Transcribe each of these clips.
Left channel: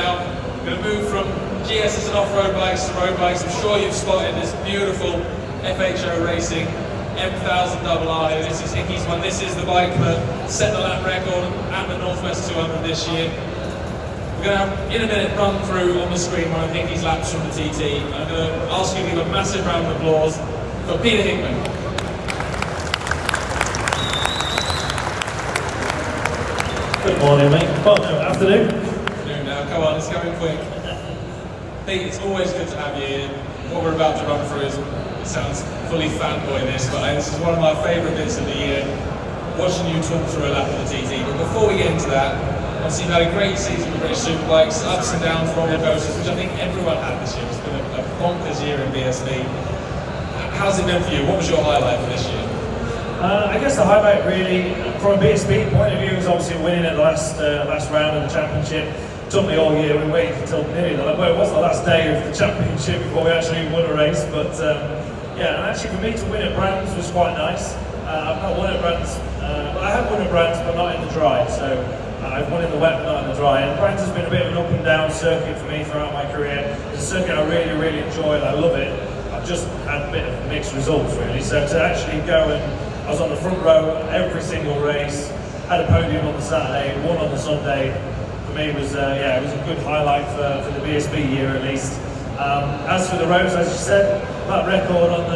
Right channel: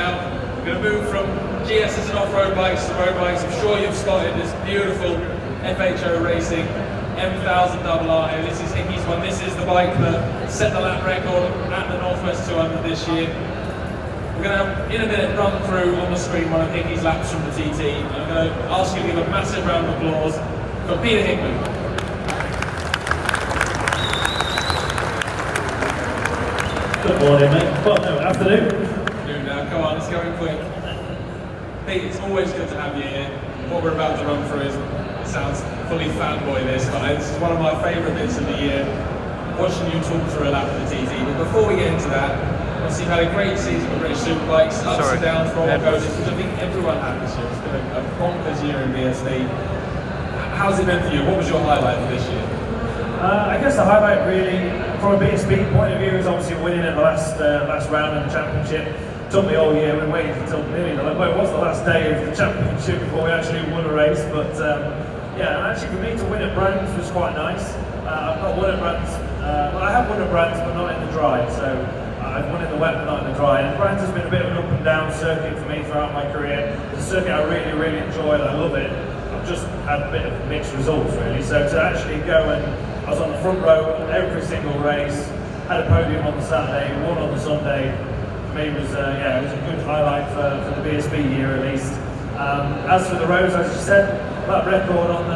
now. We're going to move from GSs and off-road bikes to road bikes. I'm sure you've spotted this beautiful FHO Racing M1000RR here. This is Hickey's one. This is the bike that set the lap record at the Northwest 200 this year. We're going to have, in a minute, run through on the screen one of Hickey's laps from the TT. I'm going to ask you to give a massive round of applause for Peter Hickman. Good morning, mate. Well, no, afternoon. Afternoon now, come on, it's going quick. Pete, it's always good to have you here. What we're about to run through is, it sounds fully fanboy this, but this is one of my favourite bits of the year, watching you talk through a lap of the TT. But before we get into that, obviously you've had a great season with British Superbikes, ups and downs, roller coasters, which I think everyone had this year. It's been a bonkers year in BSD. How's it been for you? What was your highlight for this year? I guess the highlight really, from a BSB point of view, is obviously winning at the last round of the championship. Took me all year, we waited until nearly the last day of the championship before we actually won a race. But yeah, and actually for me to win at Brands was quite nice. I've not won at Brands, well, I have won at Brands, but not in the dry. So I've won in the wet, but not in the dry. And Brands has been a bit of an up and down circuit for me throughout my career. It's a circuit I really, really enjoy, and I love it. I've just had a bit of mixed results really. So to actually go and I was on the front row every single race, had a podium on the Saturday, won on the Sunday. For me, it was yeah, it was a good highlight for the BSB year at least. As for the roads, as you said, that record on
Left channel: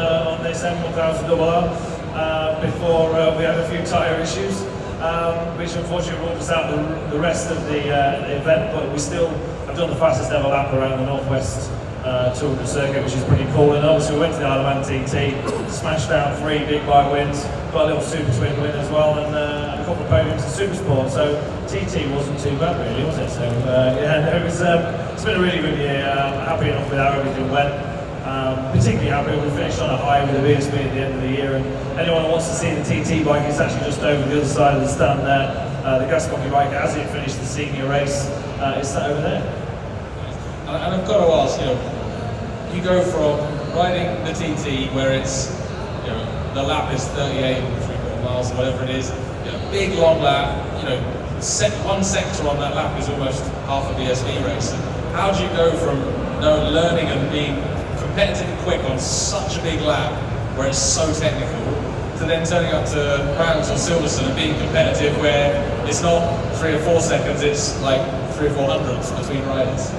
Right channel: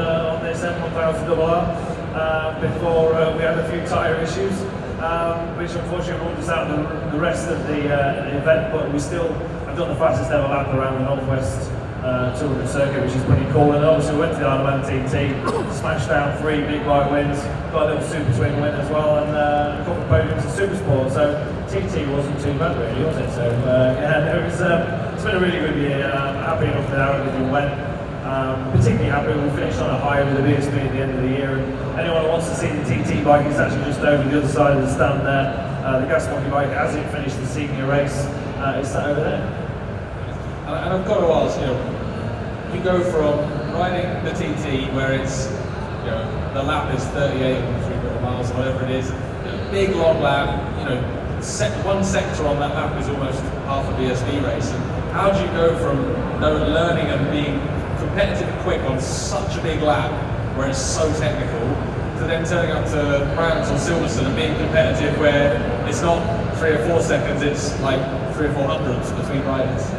this M1000RR before we had a few tyre issues, which unfortunately ruled us out the rest of the event. But we still have done the fastest ever lap around the Northwest 200 circuit, which is pretty cool. And obviously we went to the IOM TT, smashed down 3 big bike wins, got a little super twin win as well, and a couple of podiums in super sport. So TT wasn't too bad really, was it? So yeah, no, it's been a really good year. Happy enough with how everything went. Particularly happy we finished on a high with the BSB at the end of the year. And anyone who wants to see the TT bike, it's actually just over the other side of the stand there. The gas monkey bike, as it finished the senior race, is sat over there. And I've got to ask, you know, you go from riding the TT where it's, you know, the lap is 38 or 3 miles or whatever it is, you know, big long lap, you know, one sector on that lap is almost half a BSB race. And how do you go from learning and being competitive and quick on such a big lap where it's so technical to then turning up to Brands or Silverstone and being competitive where it's not 3 or 4 seconds, it's like 3 or 4 hundredths between riders?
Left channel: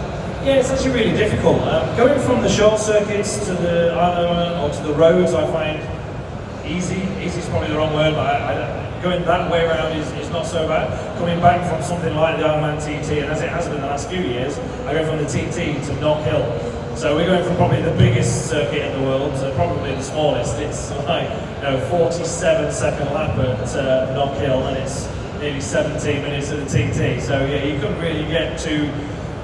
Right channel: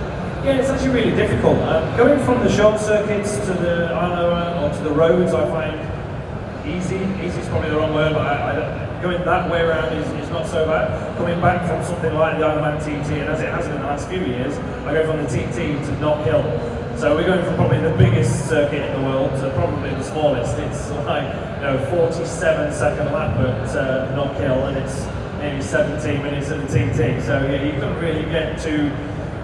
Yeah, it's actually really difficult. Going from the short circuits to the IOM or to the roads, I find easy. Easy is probably the wrong word, but going that way around is not so bad. Coming back from something like the IOM TT, and as it has been the last few years, I go from the TT to Knock Hill. So we're going from probably the biggest circuit in the world to probably the smallest. It's like 47-second lap at Knock Hill, and it's nearly 17 minutes at the TT. So yeah, you couldn't really get two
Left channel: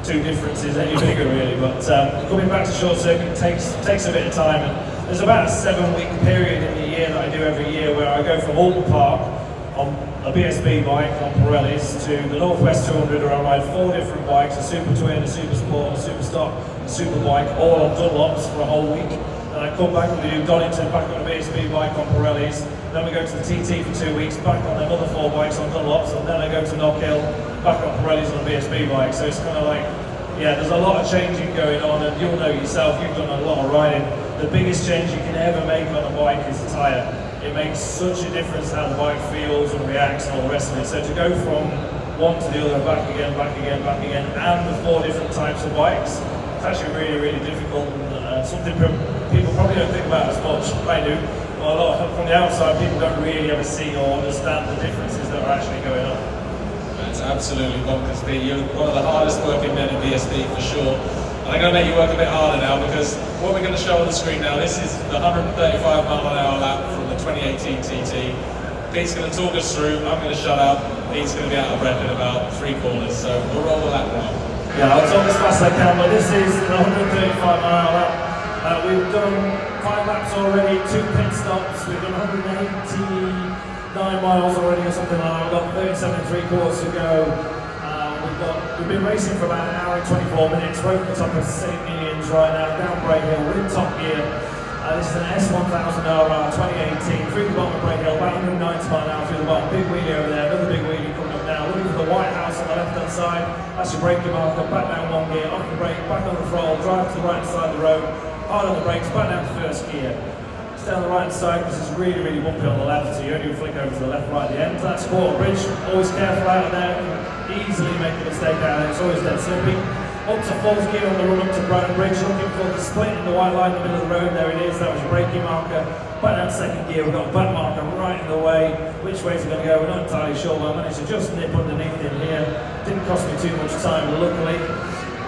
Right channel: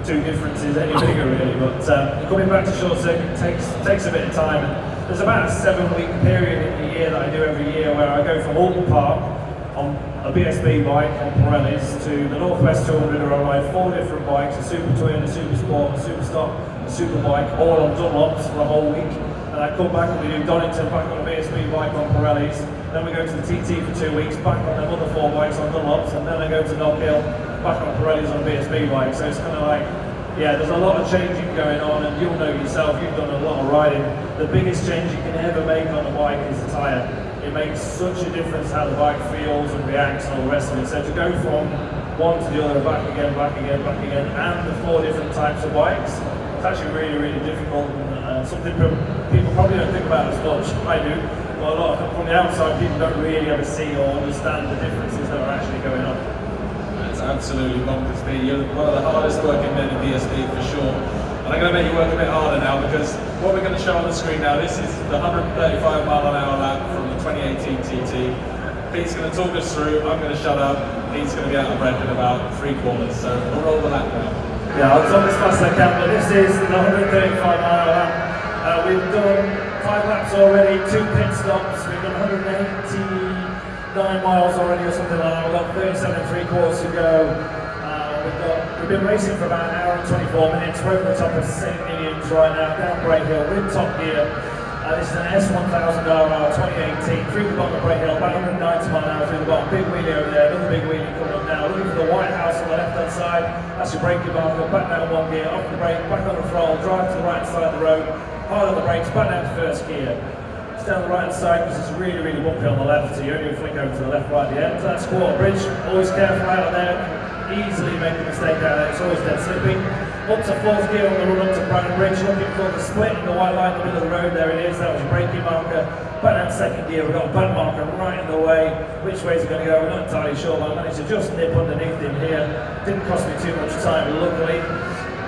differences any bigger really, but coming back to short circuit takes a bit of time, and there's about a 7-week period in the year that I do every year where I go from Alton Park on a BSB bike on Pirellis to the Northwest 200 where I ride 4 different bikes, a super twin, a super sport, a super stock, a super bike, all on Dunlops for a whole week. Then I come back and we do Donington back on a BSB bike on Pirellis. Then we go to the TT for 2 weeks, back on another 4 bikes on Dunlops, and then I go to Knock Hill, back on Pirellis on a BSB bike. So it's kind of like, yeah, there's a lot of changing going on, and you'll know yourself, you've done a lot of riding. The biggest change you can ever make on a bike is the tyre. It makes such a difference how the bike feels and reacts and all the rest of it. So to go from one to the other, back again, and the 4 different types of bikes, it's actually really, really difficult. And something people probably don't think about as much. I do. But a lot from the outside, people don't really ever see or understand the differences that are actually going on. It's absolutely bonkers, Pete. You're one of the hardest working men in BSD for sure. And I'm going to make you work a bit harder now, because what we're going to show on the screen now, this is the 135-mile-an-hour lap from the 2018 TT. Pete's going to talk us through, I'm going to shut up, Pete's going to be out of breath in about 3 corners, so we'll roll the lap now. Yeah, I'll talk as fast as I can, but this is the 135-mile lap. We've done 5 laps already, 2 pit stops, we've done 189 miles already or something like that. We've got 37.75 to go. We've been racing for about an hour and 24 minutes. We're at the top of St. Millions right now, down Brake Hill. We're in top gear. This is an S1000RR 2018, through the bottom of Brake Hill, about 190 mile an hour through the bottom. Big wheelie over there, another big wheelie coming up now. Looking for the White House on the left hand hand side, that's your braking marker, back down 1 gear, off the brake, back on the throttle, drive to the right side of the road, hard on the brakes, back down to first gear. Stay on the right side because it's really, really bumpy on the left, so you only flick over to the left right at the end. That's quarter bridge, always careful out there, easily make a mistake out there, it's always dead slippy. Up to fourth gear on the run up to Brandon Bridge, looking for the split in the white line in the middle of the road, there it is, that was your braking marker. Back down second gear, we've got a back marker right in the way. Which way is it going to go? We're not entirely sure, but I managed to just nip underneath in here. Didn't cost me too much time, luckily.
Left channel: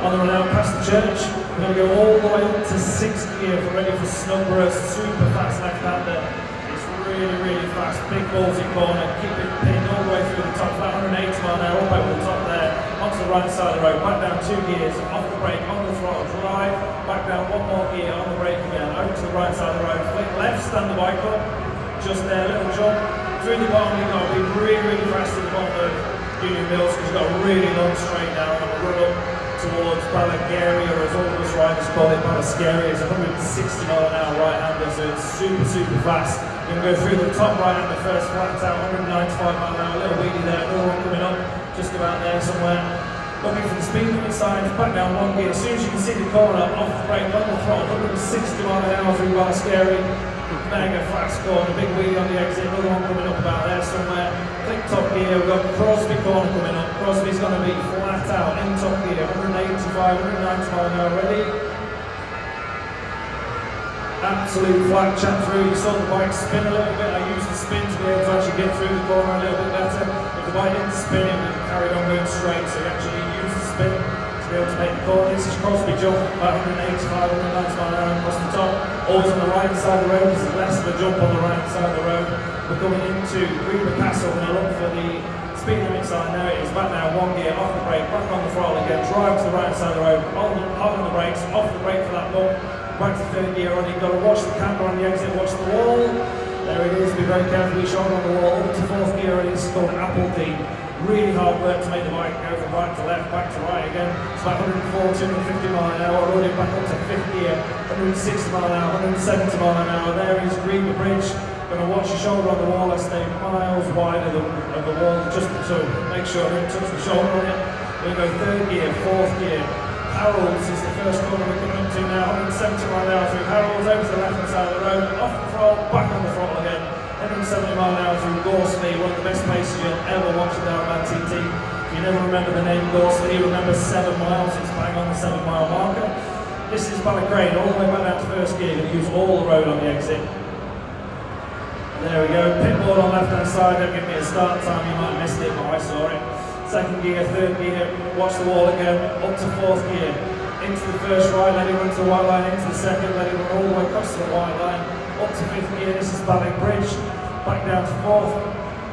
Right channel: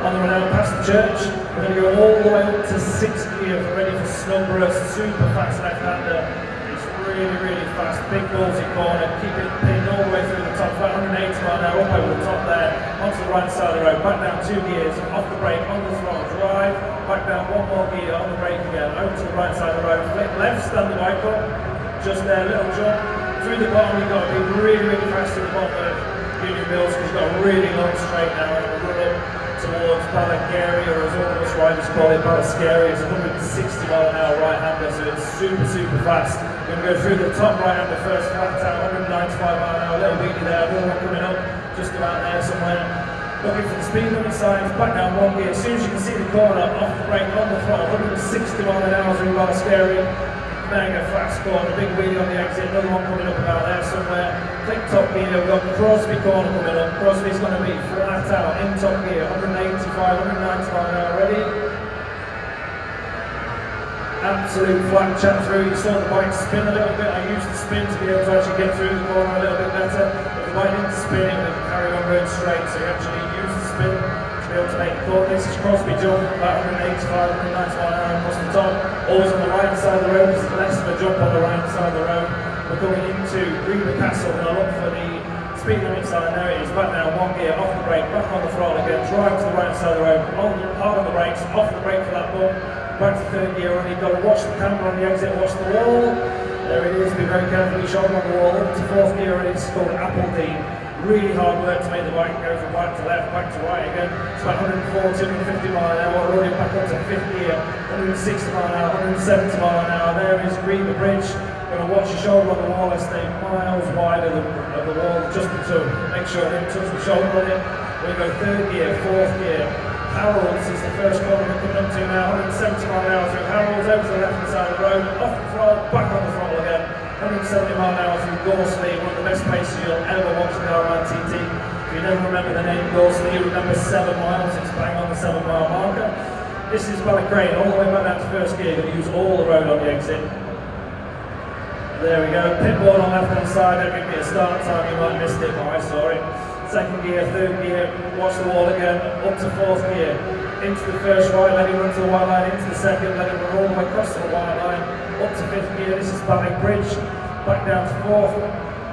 On the run out past the church, we're going to go all the way up to sixth gear, ready for Snowborough, super fast left-hander. It's really, really fast, big ballsy corner, keep it pinned all the way through the top, about 180 mile an hour, up over the top there, onto the right side of the road, back down 2 gears, off the brake, on the throttle, drive, back down 1 more gear, on the brake again, over to the right side of the road, flick left, stand the bike up, just there, little jump, through the bottom, you've got to be really, really fast at the bottom of Union Mills, because you've got a really long straight now, and we'll run up towards Balagari, or as all those riders call it, Balascari. It's 160 mile an hour right-hander, so it's super, super fast. We're going to go through the top right-hander first, flat out, 195 mile an hour, little weedy there, all coming up, just about there somewhere. Looking for the speed limit signs, back down 1 gear. As soon as you can see the corner, off the brake, on the throttle, 160 mile an hour through Balascari. Mega fast corner, big wheel on the exit, another one coming up about there somewhere. Click top gear, we've got Crosby corner coming up. Crosby's going to be flat out in top gear, 185, 190 mile an hour, ready? Absolute flat chat through, you saw the bike spin a little bit. I used the spin to be able to actually get through the corner a little bit better. If the bike didn't spin, it would carry on going straight, so you actually use the spin to be able to make the corner. This is Crosby jump, about 185, 190 mile an hour across the top. Always on the right side of the road, because there's less of a jump on the right side of the road. We're going into Greenwood Castle, now look for the speed limit sign. Now it is back down 1 gear, off the brake, back on the throttle again, drive to the right side of the road, hard on the brakes, off the brake for that bump, back to third gear on. You've got to watch the camera on the exit, watch the wall. There it is, be very careful with your shoulder on the wall. Up to fourth gear, and it's called Apple D. Really hard work to make the bike go from right to left, back to right again. It's about 140, 150 mile an hour, rolling back up to fifth gear, 160 mile an hour, 170 mile an hour. There is Greenwood Bridge. Going to watch your shoulder on the wall and stay miles wide of the wall, just to make sure I didn't touch the shoulder on it. We're going to go third gear, fourth gear. Harold's is the first corner we're coming up to now, 170 mile an hour through Harold's, over to the left hand side of the road, off the throttle, back on the throttle again. 170 mile an hour through Gorsley, one of the best places you'll ever watch the IOM TT. If you never remember the name Gorsley, you remember 7 miles, it's bang on the 7 mile marker. This is Balagray, all the way back down to first gear, you use all the road on the exit. There we go, pit board on left hand side, don't give me a start time, you might have missed it, but I saw it. Second gear, third gear, watch the wall again, up to fourth gear, into the first right, let it run to the white line, into the second, let it run all the way across to the white line, up to fifth gear. This is Balling Bridge, back down to fourth,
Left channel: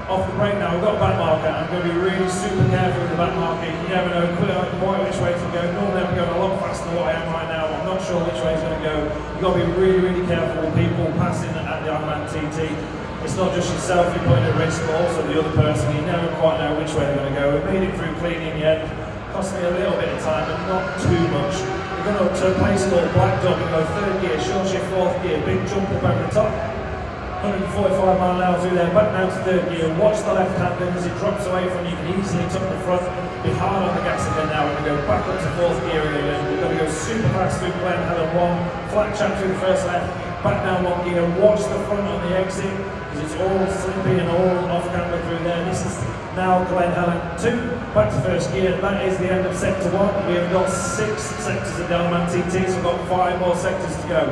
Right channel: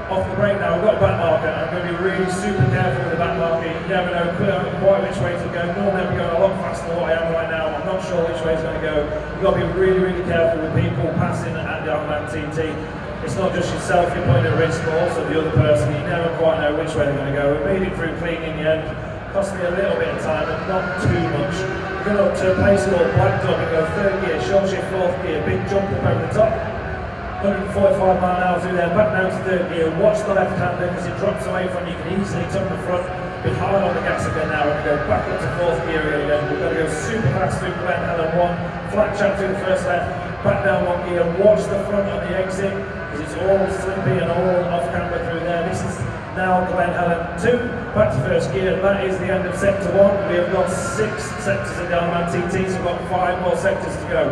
off the brake now. We've got a back marker, I'm going to be really super careful with the back marker. You never know quite which way to go. Normally I'm going a lot faster than what I am right now. I'm not sure which way it's going to go. You've got to be really, really careful with people passing at the IOM TT. It's not just yourself you're putting at risk, but also the other person. You never quite know which way they're going to go. We made it through clean in the end. Cost me a little bit of time, but not too much. We're going up to a place called Black Dog and go third gear, short shift fourth gear, big jump up over the top. 145 mile an hour through there, back down to third gear. Watch the left hand as it drops away from you. You can easily tuck the front. Be hard on the gas again now and go back up to fourth gear again. We've got to go super fast through Glen Helen 1, flat track through the first left, back down 1 gear. Watch the front on the exit, because it's all slippy and all off camber through there. This is now Glen Helen 2, back to first gear. That is the end of sector 1. We have got 6 sectors of the IOM TT, so we've got 5 more sectors to go.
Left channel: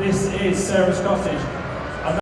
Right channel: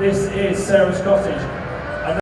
This is Sarah's Cottage.